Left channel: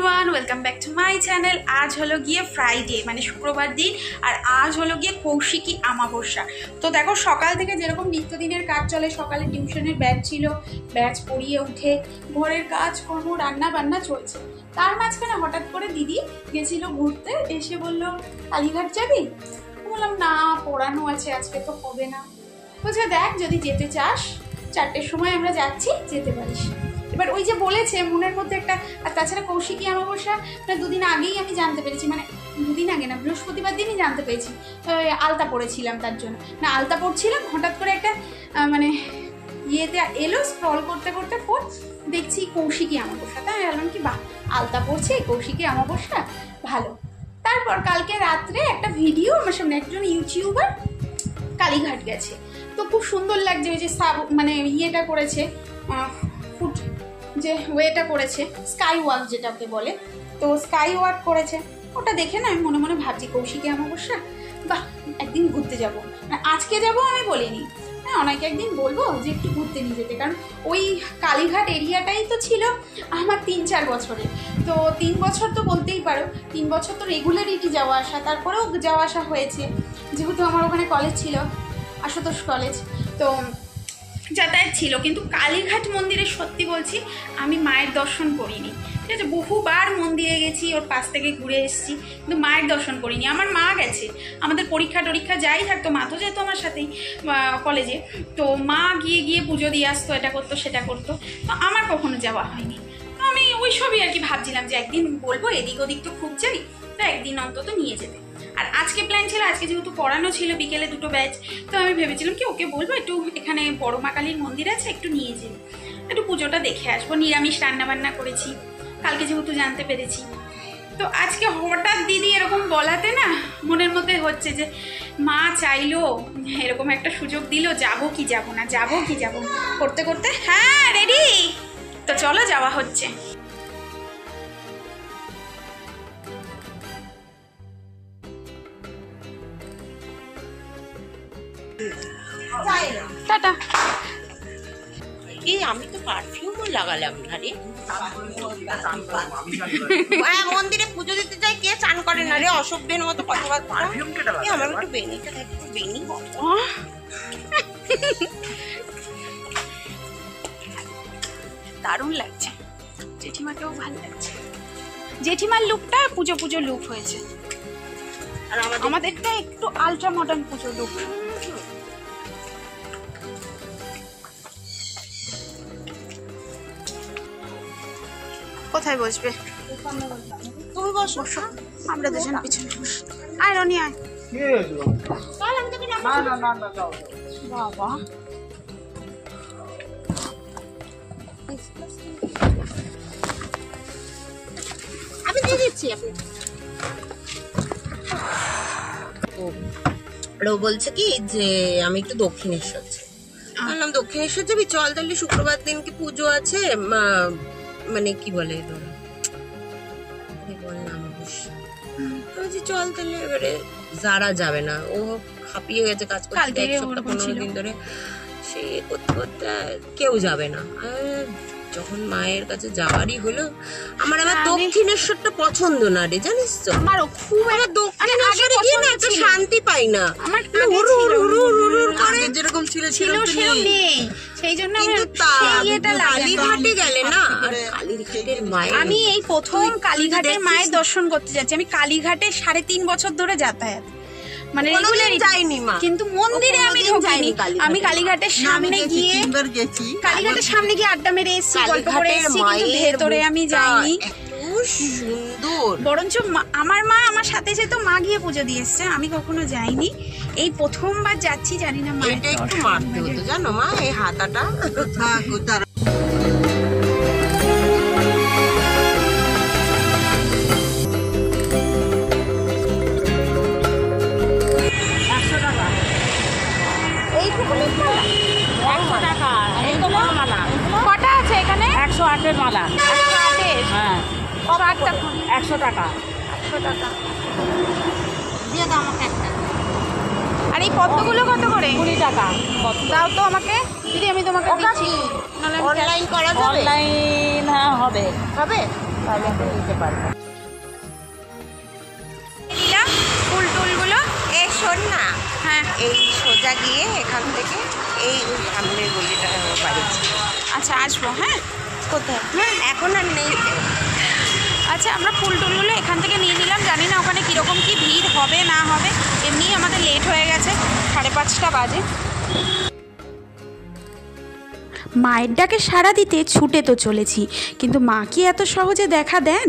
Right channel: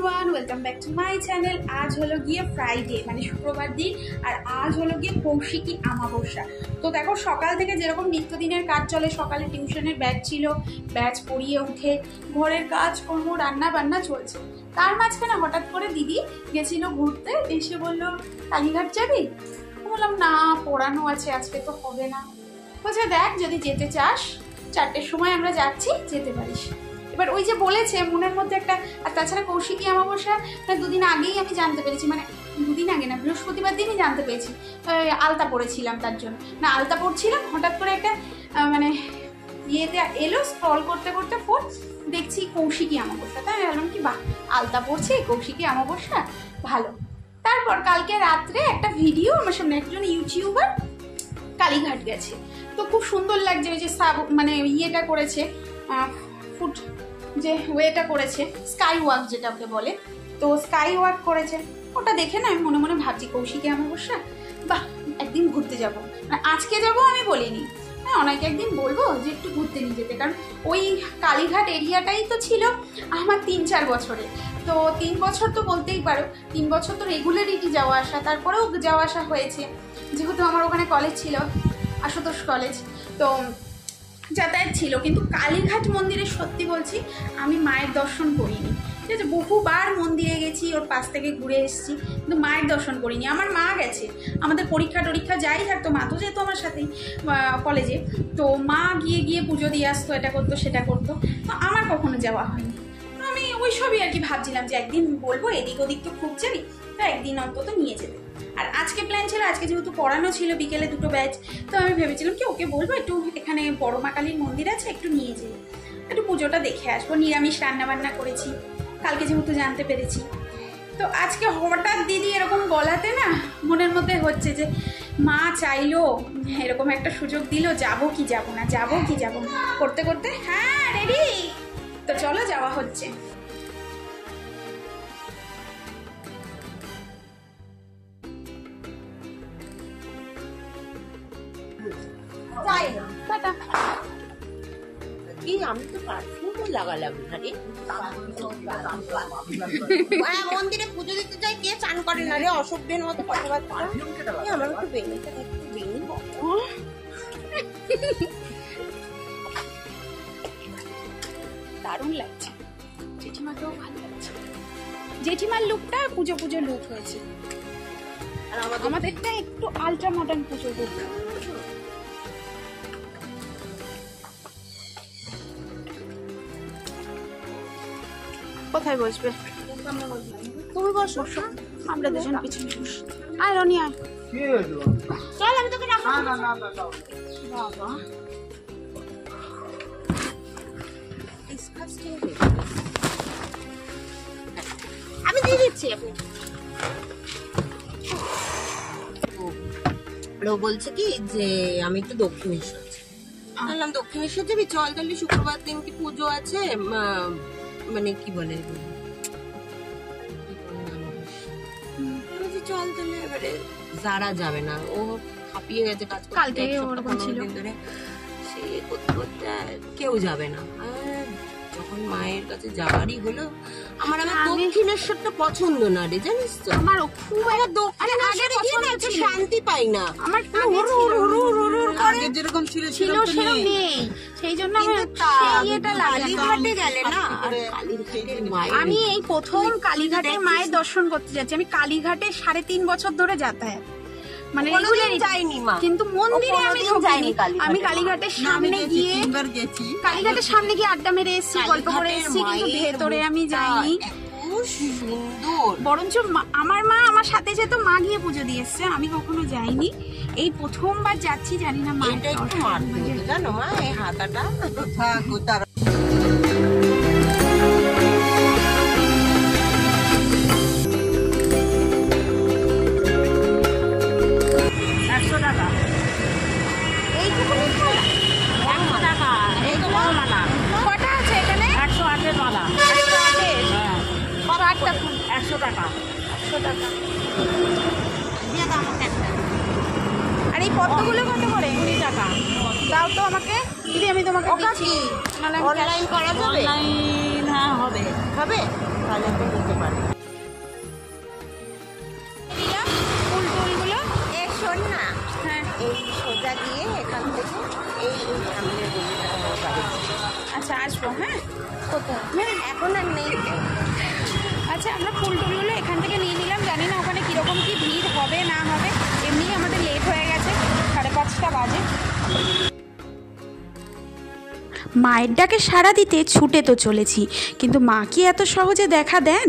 Everyone, welcome back to my channel. আজ হলো গিয়ে ফ্রাইডে, মানে শুক্রবার দিন, আর আজ হলো গিয়ে কৌশিকী আমাবস্যা। তো দেখো, সকাল থেকে যেরকম নিত্যদিনের কাজ চলে, সকালে টিউশনের ব্যাচ ছিল, ব্যাচ পড়িয়ে উঠে ঘরের কাজকর্ম, রান্না বান্না চলছে। তার মাঝখানে হঠাৎ করে দিদি গেছিল ঘুরতে, এসে বলল কালীঘাট যাবি? বললাম না, পড়ানো আছে, আজকে তো হবে না। বলছে দেখ, যদি যেতে চাস 4টের সময় আমরা যাচ্ছি, যেতে পারিস। এবার ওই যে বলেছে মনের মধ্যে একটা, আর তাছাড়া কৌশিকী আমাবস্যা মানে দুদিন আগেই আমি জানতে পেরেছি, মানে দুদিন আগে না, বৃহস্পতিবার দিনই জানতে পেরেছি। আলতা পড়েছিলাম, তার জন্য না আলতা পড়ছিলাম, হঠাৎ করে একটা মানে ইয়েতে এলো, স্ক্রল করতে করতে ফোন দেখছি কৌশিকী আমাবস্যা। তাই বললাম কি বাহ, আলতা পড়ছে কৌশিকী আমাবস্যা, ভালো। তারপর কালকে রাত্রে একটা ভিডিও আমার সামনে, একজন ইউটিউবার কালীঘাট গেছে, তো খুব সুন্দর লাগছে। ওই যে মানে ইয়েটা করেছে, ফুট যে ওয়েটা করেছে, স্কাই ওয়াক যেটাকে বলে, তো স্কাই ওয়াক করেছে। ওটা দেখে না আমি মনে মনে ভাবছি কৌশিকী আমাবস্যা, বাহ একদিন ঘুরতে যাব। মানে আজকে যাব আমি বলিনি, হ্যাঁ অনেকে একদিন বলবো যে একটু ঘুরতে নিয়ে যেতে, কারণ ওই কালীঘাট এরিয়াটাই তো ছিল আমার 3-4 বছরে। তো 3 বছর তো বলতেই পারো, 3 বছর তো রেগুলারিটি যাওয়া আসা, তারপরেও যাওয়া আসা হয়েছে, যেহেতু আমার ওখানে কলেজ ছিল, আশুতোষ কলেজ, তো যাতায়াত ছিল। কিন্তু কালীঘাট মন্দিরে সত্যি বলছি আমি মায়ের দর্শন করিনি, ঠিক আছে। বহুবার মন্দিরে গেছি, ওর পাশ থেকে ঘুরে এসেছি, কিন্তু মায়ের দর্শন করিনি। আমার মা গেছে, আমাদের পরীক্ষা টরীক্ষা যাই থাকতো, মা তো যেত আমার সাথেই কলেজে, তো মা গিয়ে গিয়ে পুজো দিয়ে আসতো, এটা করতো সেটা করতো, তো আমার কখনো যাওয়া হয়নি। তো আমি ওই সবই আর কি ভাবছিলাম যে একদিন বলবো, এদিক ওদিক তো খুব যাই, তো একদিন অন্তত নিয়ে যেতে। আর আজকে প্ল্যান ছিল, আজকে যেহেতু পড়ানো ছিল বিকেলে 2টো ব্যাচ, তো আমি ভেবেছিলাম কি ওকে বলবো একটু এখানে বড় মা কালীর মন্দির আছে, একটু নিয়ে যাই, একটু পুজোটা দেখে আসবো। নিরামিষ রান্নাবান্না করেছি কালকে, যেহেতু জানতে পেরেছি। তো আজকে হঠাৎ দিদি এরকম বলাতে না মনের মধ্যে হচ্ছে যে মা চাইলো, এরকম একটা সুযোগ দিল, যাবো কি যাবো না, যাবো কি যাবো না করতে করতে, হ্যাঁ রেডি, তো চলো যাওয়া হচ্ছে। টাটা। এই আমি তো পারফিউমও লাগালাম ঘাড়ে। মন্দিরে পুজো দিতে যাই, কে চান করে না রে, অসভ্যের মতো কথাবার্তা। আমার একটু বেনিটা, একটু বেনি, দারুণ লাগছে, জেঠিমাকেও ভালো লাগছে। জেঠিমার লুকটা পুজো পুজো লুক হয়েছে, আর আমাদেরটা একটু আলট্রা মডার্ন পুজো লুক। কোথায় বসবে? তুমি বসো, আমরা দুজন পিছনে বস। আয় রনি আয়। বাবা আমি দিয়ে দিচ্ছি। ও বলছে কি যে আমি একটু দক্ষিণেশ্বর যাই, বললাম দক্ষিণেশ্বর যাবি, চল তাহলে শুক্রবার দিনকে পুজো আছে, মানে কি বলে চল তাহলে। এবারে যারা যাবে না, ও হাঁপিয়ে গেছে কাজ করতে 1 সপ্তাহ 15 দিন ধরে, সে করতে করতে কেউ যাবে না। আর যখন মায়ের কাছে যাওয়ারই হলো, আমার দক্ষিণেশ্বরটা পছন্দ না রে, জানিস তো, আমারও খুব, আমার দক্ষিণেশ্বরে গিয়ে না তো শান্তি পাই না, আমার যেরকম ছিল সেই জন্য কালীঘাটে গেলে না, আর কালীঘাটের মায়ের, আমি এই প্রথম কালীঘাটের মায়ের দর্শন করতে যাচ্ছি। আমি কালীঘাটে 3.5 বছর ধরে যাতায়াত, মানে যাইনি মা, কিন্তু মন্দিরে আমি যাইনি। আমি কালীঘাটের সামনে গিয়ে, কালীঘাটের সামনে গিয়ে আড্ডা মেরে এসেছি, গল্প করে এসেছি, কিন্তু ভেতরে আমি যাইনি। সুন্দর, বরঞ্চ আমার মা আমার সাথে যেত, মা গিয়ে পুজো দিয়ে এসছে, আমি কখনো যাইনি, এই প্রথমবার যাচ্ছি। জানি না মায়েরটা একটু মারতে হতো জানো মা, এই হাতাটা তার কটা আছে এখানে? 108 মালা। 108? হ্যাঁ 100 টাকা। 100 টাকা দিয়ে দাও আমাকে একটা। আর এই পদ্মগুলো কত করে? 20 টাকা। দাও তো আমাকে দিদি, আমি তোমাকে দিচ্ছি। অনলাইন করা যাবে? অনলাইন হ্যাঁ হবে, হবে। তাহলে একটু নিতে পারবে। ফুল টুলগুলো এই শোন না, হ্যাঁ এই সোজা গিয়ে এখান থেকে এই সামনের গলিটা আমার বাড়ি। আচ্ছা আসবো। হ্যাঁ কোথায়? এখন আর নেই। আচ্ছা আমরা ফুল টুলগুলো এখান থেকে নিয়ে নিলাম। জানি না ওখানে কীরকম কী ভিড় হবে না হবে, এমনি আমাদের লেট হয়ে গেছে, 5:30 বাজে। মায়ের ডাকে সাড়া দিতে ছুটে তো চলেছি, কিন্তু মা কি এত সহজে দেখা দেন?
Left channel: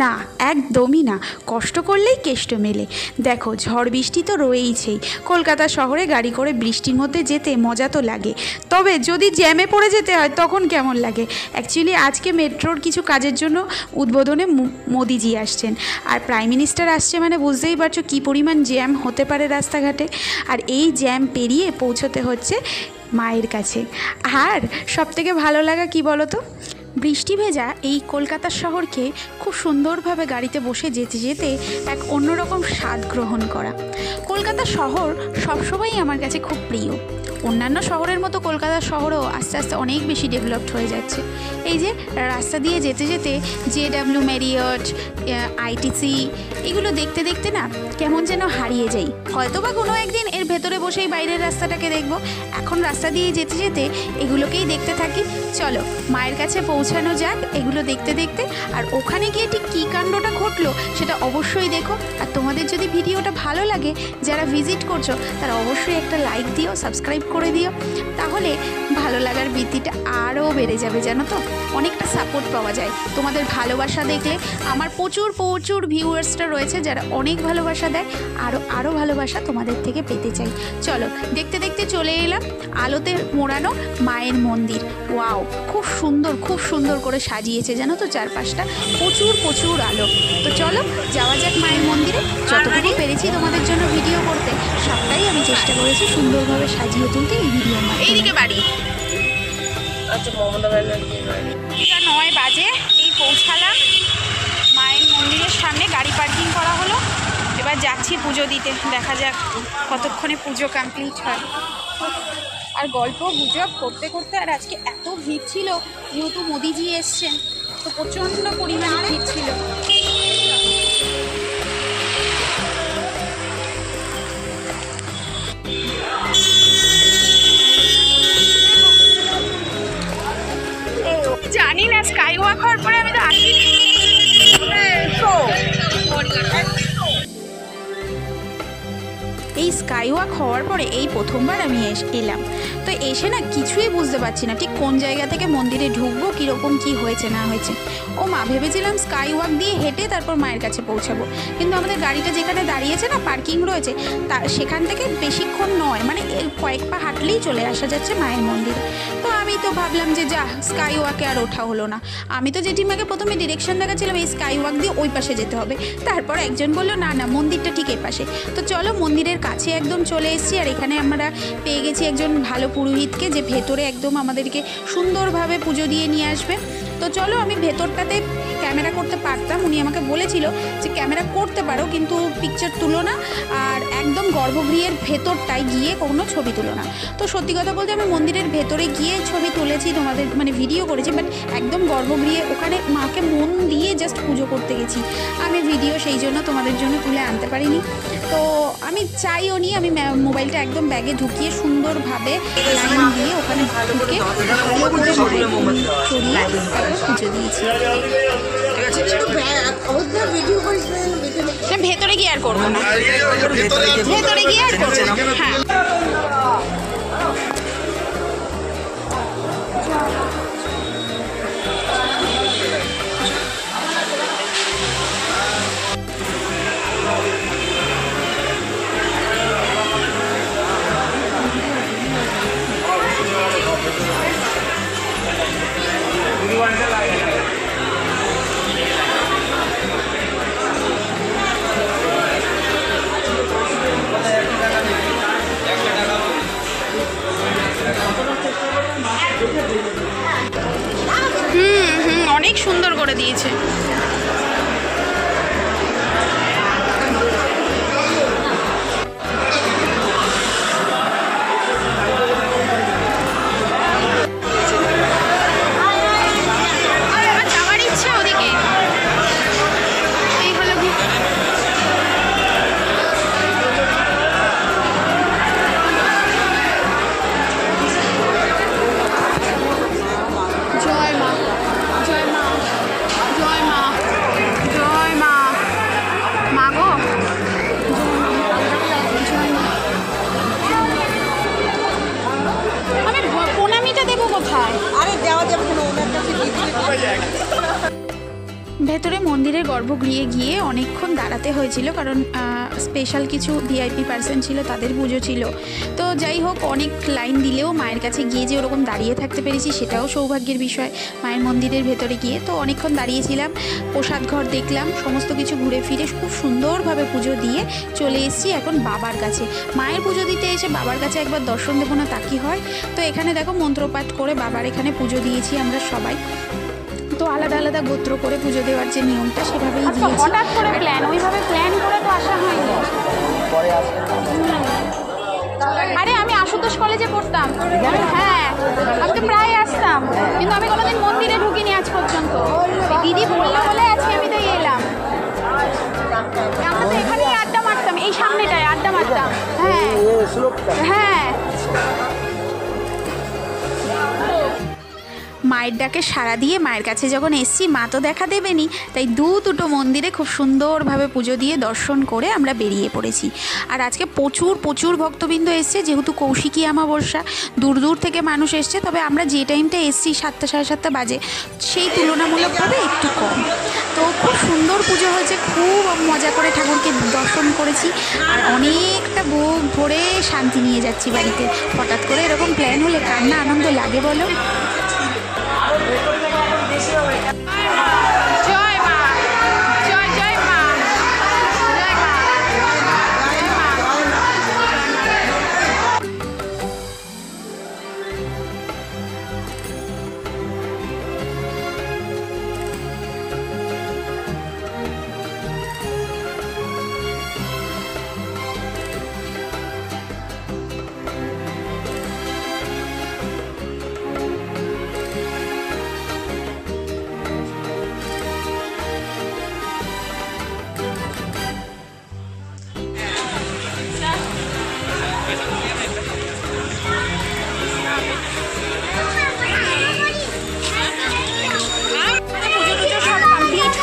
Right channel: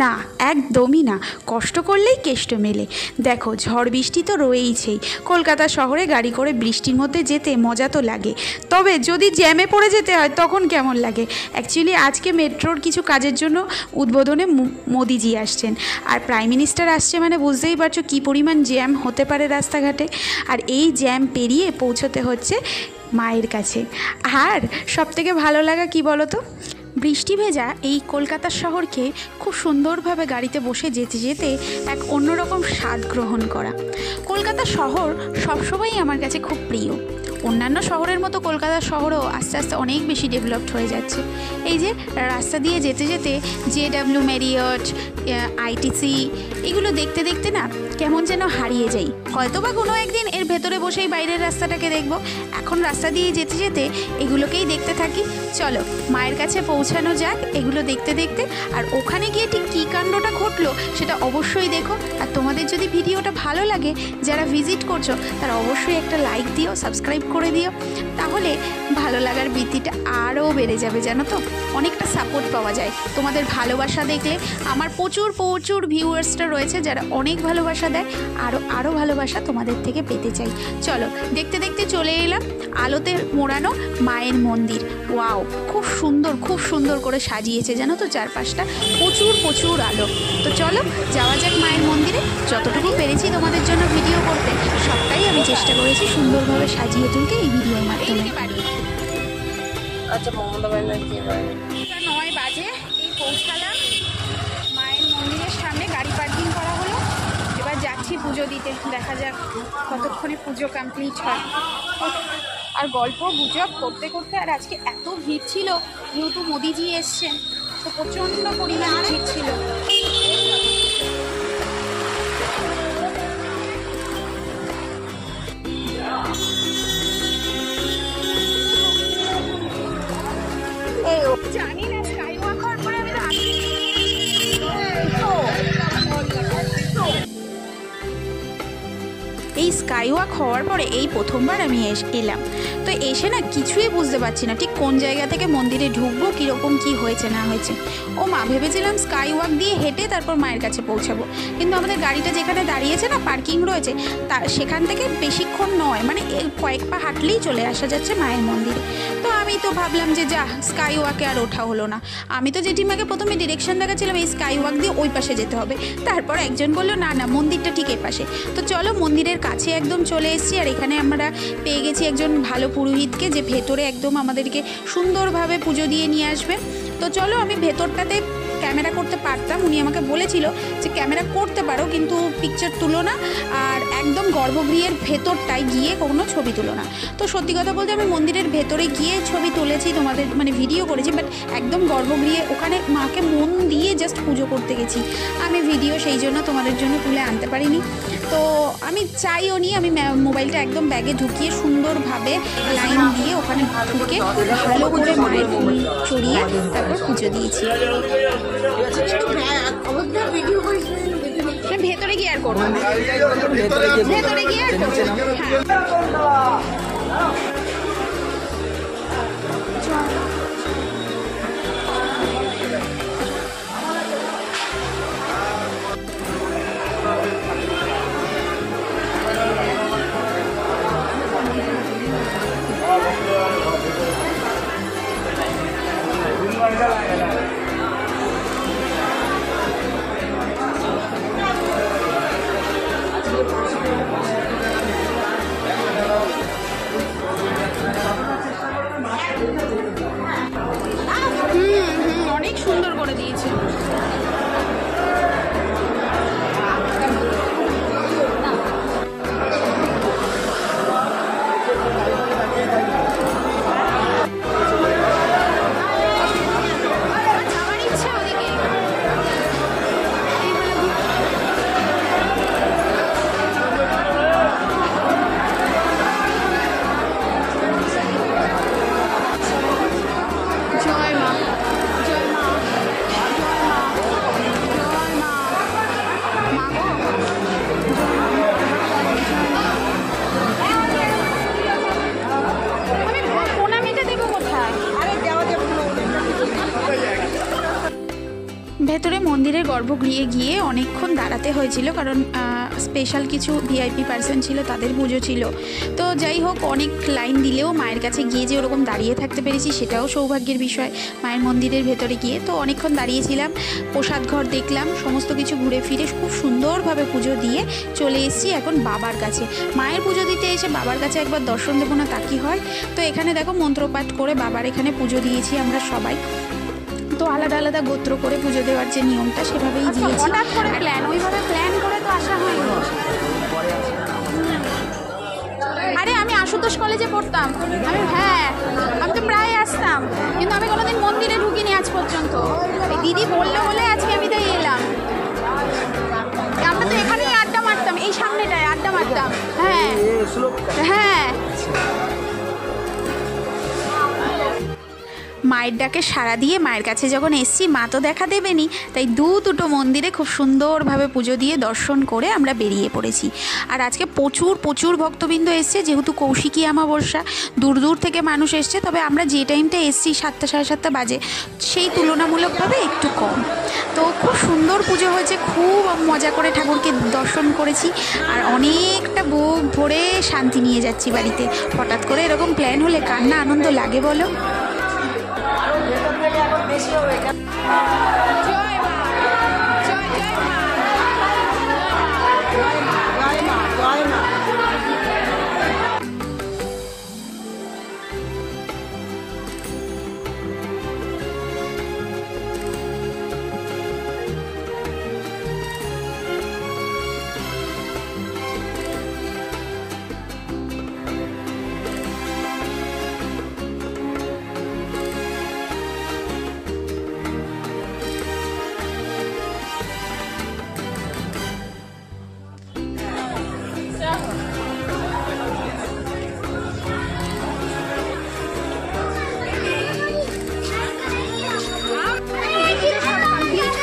না, একদমই না। কষ্ট করলেই কেষ্ট মেলে। দেখো ঝড় বৃষ্টি তো রয়েইছেই। কলকাতা শহরে গাড়ি করে বৃষ্টির মধ্যে যেতে মজা তো লাগে, তবে যদি জ্যামে পড়ে যেতে হয় তখন কেমন লাগে? অ্যাকচুয়ালি আজকে মেট্রোর কিছু কাজের জন্য উদ্বোধনে মোদিজি আসছেন, আর প্রাইম মিনিস্টার আসছে মানে বুঝতেই পারছো কী পরিমাণ জ্যাম হতে পারে রাস্তাঘাটে। আর এই জ্যাম পেরিয়ে পৌঁছতে হচ্ছে মায়ের কাছে। আর সবথেকে ভালো লাগা কি বলো তো, বৃষ্টি ভেজা এই কলকাতা শহরকে খুব সুন্দরভাবে গাড়িতে বসে যেতে যেতে এক অন্যরকম স্বাদ গ্রহণ করা। কলকাতা শহর সবসময়ই আমার কাছে খুব প্রিয়। অন্যান্য শহরের মতো কলকাতা শহরও আস্তে আস্তে অনেক বেশি ডেভেলপড হয়ে যাচ্ছে। এই যে রাস্তা দিয়ে যেতে যেতে JW ম্যারিয়ট, ITC এগুলো দেখতে দেখতে না কেমন যেন হারিয়ে যাই। হয়তো বা কোনো একদিন এর ভেতরে বসেই বাইরের রাস্তাটাকে দেখব। এখন রাস্তা দিয়ে যেতে যেতে এগুলোকেই দেখতে থাকি। চলো মায়ের কাছে পৌঁছানো যাক এগুলো দেখতে দেখতে। আর ওখানে গিয়ে ঠিক কী কাণ্ডটা ঘটলো সেটা অবশ্যই দেখো। আর তোমাদের যদি ভিডিওটা ভালো লাগে, যারা ভিজিট করছো তারা অবশ্যই একটা লাইক দিও, সাবস্ক্রাইব করে দিও, তাহলে ভালো লাগার বৃত্তিটা আরও বেড়ে যাবে। জানো তো অনেকটা সাপোর্ট পাওয়া যায় তোমাদের ভালোবাসা দেখলে। আমার প্রচুর প্রচুর ভিউয়ার্সরা রয়েছে যারা অনেক ভালোবাসা দেয়, আরও ভালোবাসা তোমাদের থেকে পেতে চাই। চলো দেখতে দেখতে চলে এলাম আলোতে মোড়ানো মায়ের মন্দির। ওয়াও, খুব সুন্দর করে সাজিয়েছে জানো তো চারপাশটা, প্রচুর আলো। তো চলো যাওয়া যাক মায়ের মন্দিরে। যতটুকু পেরেছি তোমাদের জন্য ভিডিও করতে সবটাই আমি চেষ্টা করেছি সুন্দরভাবে সাজিয়ে তুলতে এই ভিডিওর মাধ্যমে। বাড়ি আচ্ছা, মমতা ব্যানার্জি 9 বাজে এই পৌঁছালাম মায়ের মন্দিরের সামনে, গাড়ি পার্কিং করা হলো। এবার যাচ্ছি পুজো দিতে, দেখা যাক কতক্ষণে পুজো কমপ্লিট হয়। আর গল্প গুজব করতে করতে, আর আজকে এত ভিড় ছিল যেহেতু মোদিজি এসছেন, তো প্রচণ্ড পরিমাণে ভিড় ছিল। জানি না স্কাই ওয়াক হওয়ার পরে আমি তো আসিনি। এই স্কাই ওয়াক হওয়ার পরে এই প্রথমবার আমি এলাম। তো এসে না কিছুই বুঝতে পারছি না ঠিক কোন জায়গা থেকে মন্দিরে ঢুকবো, কীরকম কী হয়েছে না হয়েছে। ও মা, ভেবেছিলাম স্কাই ওয়াক দিয়ে হেঁটে তারপর মায়ের কাছে পৌঁছাবো, কিন্তু আমাদের গাড়িটা যেখানে দাঁড়িয়েছে না, পার্কিং রয়েছে, সেখান থেকে বেশিক্ষণ নয়, মানে কয়েক পা হাঁটলেই চলে আসা যাচ্ছে মায়ের মন্দিরে। তো আমি তো ভাবলাম যে যা, স্কাই ওয়াকে আর ওঠা হলো না। আমি তো জেঠিমাকে প্রথমে ডিরেকশন দেখাচ্ছিলাম এই স্কাই ওয়াক দিয়ে ওই পাশে যেতে হবে, তারপর একজন বললো না মন্দিরটা ঠিক এই পাশে। তো চলো মন্দিরের কাছে একদম চলে এসেছি। আর এখানে আমরা পেয়ে গেছি একজন ভালো পুরোহিতকে, যে ভেতরে একদম আমাদেরকে সুন্দরভাবে পুজো দিয়ে নিয়ে আসবে। তো চলো, আমি ভেতরটাতে ক্যামেরা করতে পারতাম, উনি আমাকে বলেছিল যে ক্যামেরা করতে পারো কিন্তু পিকচার তুলো না, আর একদম গর্ভগৃহের ভেতরটায় গিয়ে কোনো ছবি তুলো না। তো সত্যি কথা বলতে আমি মন্দিরের ভেতরে গিয়ে ছবি তুলেছি, তোমাদের মানে ভিডিও করেছি, বাট একদম গর্ভগৃহে ওখানে মাকে মন দিয়ে জাস্ট পুজো করতে গেছি। আমি ভিডিও সেই জন্য তোমাদের জন্য তুলে আনতে পারিনি। তো আমি চাইও নি, আমি মোবাইলটা একদম ব্যাগে ঢুকিয়ে সুন্দরভাবে লাইন দিয়ে ওখানে ঢুকে ভালো করে মায়ের ফুল চড়িয়ে তারপর পুজো দিয়েছি। ভেতরে গিয়ে আর করবো না, ভেতরে গিয়ে আর করবো না। হ্যাঁ ভেতরে মন্দিরের গর্ভগৃহে গিয়ে অনেকক্ষণ দাঁড়াতে হয়েছিল, কারণ স্পেশাল কিছু ভিআইপি পার্সন ছিল, তাদের পুজো ছিল। তো যাই হোক, অনেক লাইন দিলেও মায়ের কাছে গিয়ে যে ওরকম দাঁড়িয়ে থাকতে পেরেছি সেটাও সৌভাগ্যের বিষয়। মায়ের মন্দিরের ভেতরে গিয়ে তো অনেকক্ষণ দাঁড়িয়েছিলাম, প্রসাদ ঘর দেখলাম, সমস্ত কিছু ঘুরে ফিরে খুব সুন্দরভাবে পুজো দিয়ে চলে এসেছি এখন বাবার কাছে। মায়ের পুজো দিতে এসে বাবার কাছে একবার দর্শন দেবো না তা কি হয়। তো এখানে দেখো মন্ত্রপাঠ করে বাবার এখানে পুজো দিয়েছি আমরা সবাই। তো আলাদা আলাদা গোত্র করে পুজো দেওয়ার যে নিয়মটা সেভাবেই দিয়েছি। হঠাৎ করে প্ল্যান, ওইভাবে প্ল্যান করে তো আসা হয়নি। আরে আমি আশুতোষ কলেজে পড়তাম, হ্যাঁ আমি তো প্রায় আসতাম, কিন্তু আমি কোনোদিন মন্দিরে ঢুকিনি আজ পর্যন্ত। দিদি বললো বলে আজকে আমি তাই এলাম। আমরা তো এখানেই আড্ডা মারতাম, এই সামনেটায় আড্ডা মারতাম। হ্যাঁ হ্যাঁ, মায়ের ডাকে সাড়া দিয়ে মায়ের কাছে যখন এসছি, মা তো দেখা দেবেনি, তাই দুটো মন্দিরে খুব সুন্দরভাবে পুজো দিয়ে দর্শন করে আমরা বেরিয়ে পড়েছি। আর আজকে প্রচুর ভক্তবৃন্দ এসছে, যেহেতু কৌশিকী অমাবস্যা, দূর দূর থেকে মানুষ এসছে। তবে আমরা যে টাইমটা এসছি 7টা সাড়ে 7টা বাজে, সেই তুলনামূলকভাবে একটু কম। তো খুব সুন্দর পুজো হয়েছে, খুব মজা করে ঠাকুরকে দর্শন করেছি, আর অনেকটা বুক ভরে শান্তি নিয়ে যাচ্ছি বাড়িতে। হঠাৎ করে এরকম প্ল্যান হলে কার না আনন্দ লাগে বলো। জয় মা, জয় জয় মা, জয় মা, জয় মা।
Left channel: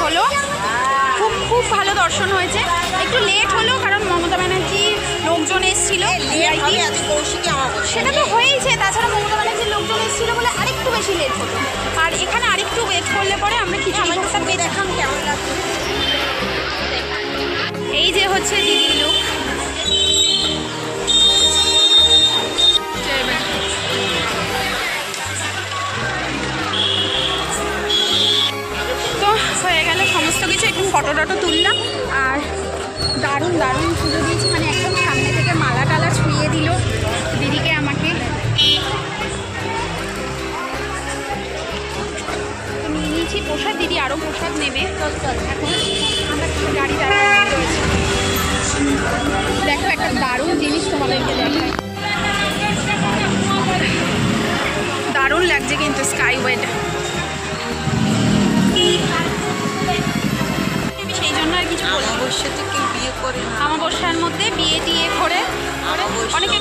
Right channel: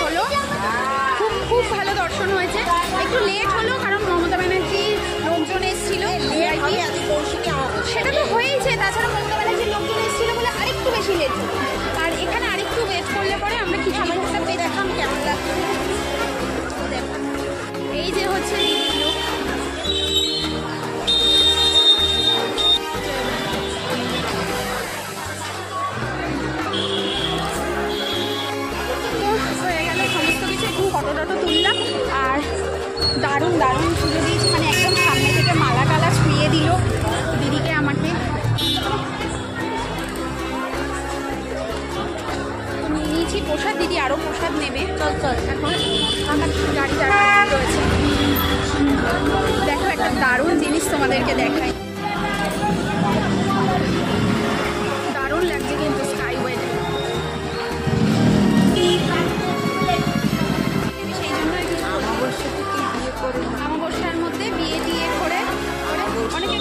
হলো, খুব ভালো দর্শন হয়েছে। একটু লেট হলো কারণ মমতা ব্যানার্জির লোকজন এসেছিল, সেটা তো হয়েইছে। তাছাড়া মমতা ব্যানার্জির লোকজন এসেছিল বলে আরেকটু বেশি লেট হতো। আর এখানে আরেকটু ওয়েট করলে পরে আমরা খিচুড়ি ভোগটা পেয়েছিলাম। কেমন লাগছে? এই যে হচ্ছে দিদির লুক। হয়ে গেল সমস্ত কিছু, একটু ফটো টটো তুললাম। আর দারুণ পুজো দিয়েছি, মানে একদম সামনে থেকে মালা টালা ছুঁয়ে দিল দিদিকে আমাকে। তো নিয়ে নিয়েছি প্রসাদ, দিদি আরও প্রসাদ নেবে। এখন গাড়ি দাঁড়ানো রয়েছে। দেখো একটা দারুণ জিনিস তোমাদেরকে দেখাই, দারুণ লাগছে কিন্তু স্কাইওয়েটা। আমি সেই জন্য আর কিছু বলি। অবশ্যই কেউ বিয়ে করে না, অমাবস্যার মধ্যে বিয়ে টিয়ে করে অনেকে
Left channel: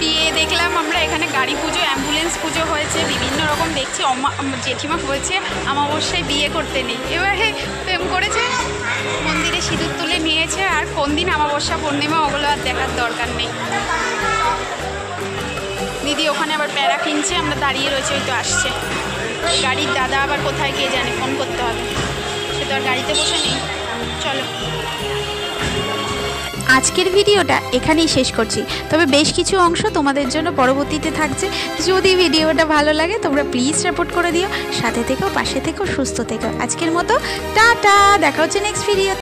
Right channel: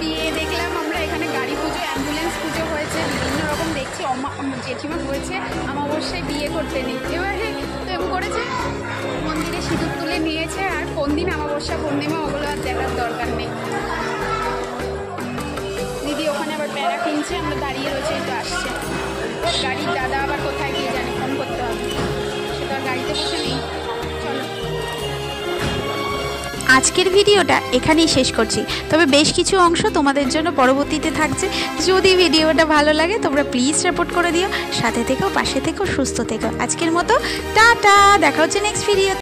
বিয়ে দেখলাম আমরা এখানে। গাড়ি পুজো, অ্যাম্বুলেন্স পুজো হয়েছে, বিভিন্ন রকম দেখছি। জেঠিমা হয়েছে অমাবস্যায় বিয়ে করতে নেই, এবারে প্রেম করেছে, মন্দিরে সিঁদুর তুলে নিয়েছে। আর কোন দিন অমাবস্যা পূর্ণিমা ওগুলো আর দেখার দরকার নেই। দিদি ওখানে আবার প্যারা কিনছে, আমরা দাঁড়িয়ে রয়েছে, ওই তো আসছে গাড়ির দাদা। আবার কোথায় গিয়ে জানে, ফোন করতে হবে, সে তো আর গাড়িতে বসে নেই। চলো, আজকের ভিডিওটা এখানেই শেষ করছি। তবে বেশ কিছু অংশ তোমাদের জন্য পরবর্তীতে থাকছে। যদি ভিডিওটা ভালো লাগে তোমরা প্লিজ সাপোর্ট করে দিও, সাথে থেকো, পাশে থেকো, সুস্থ থেকো। আজকের মতো টাটা, দেখা হচ্ছে নেক্সট ভিডিও।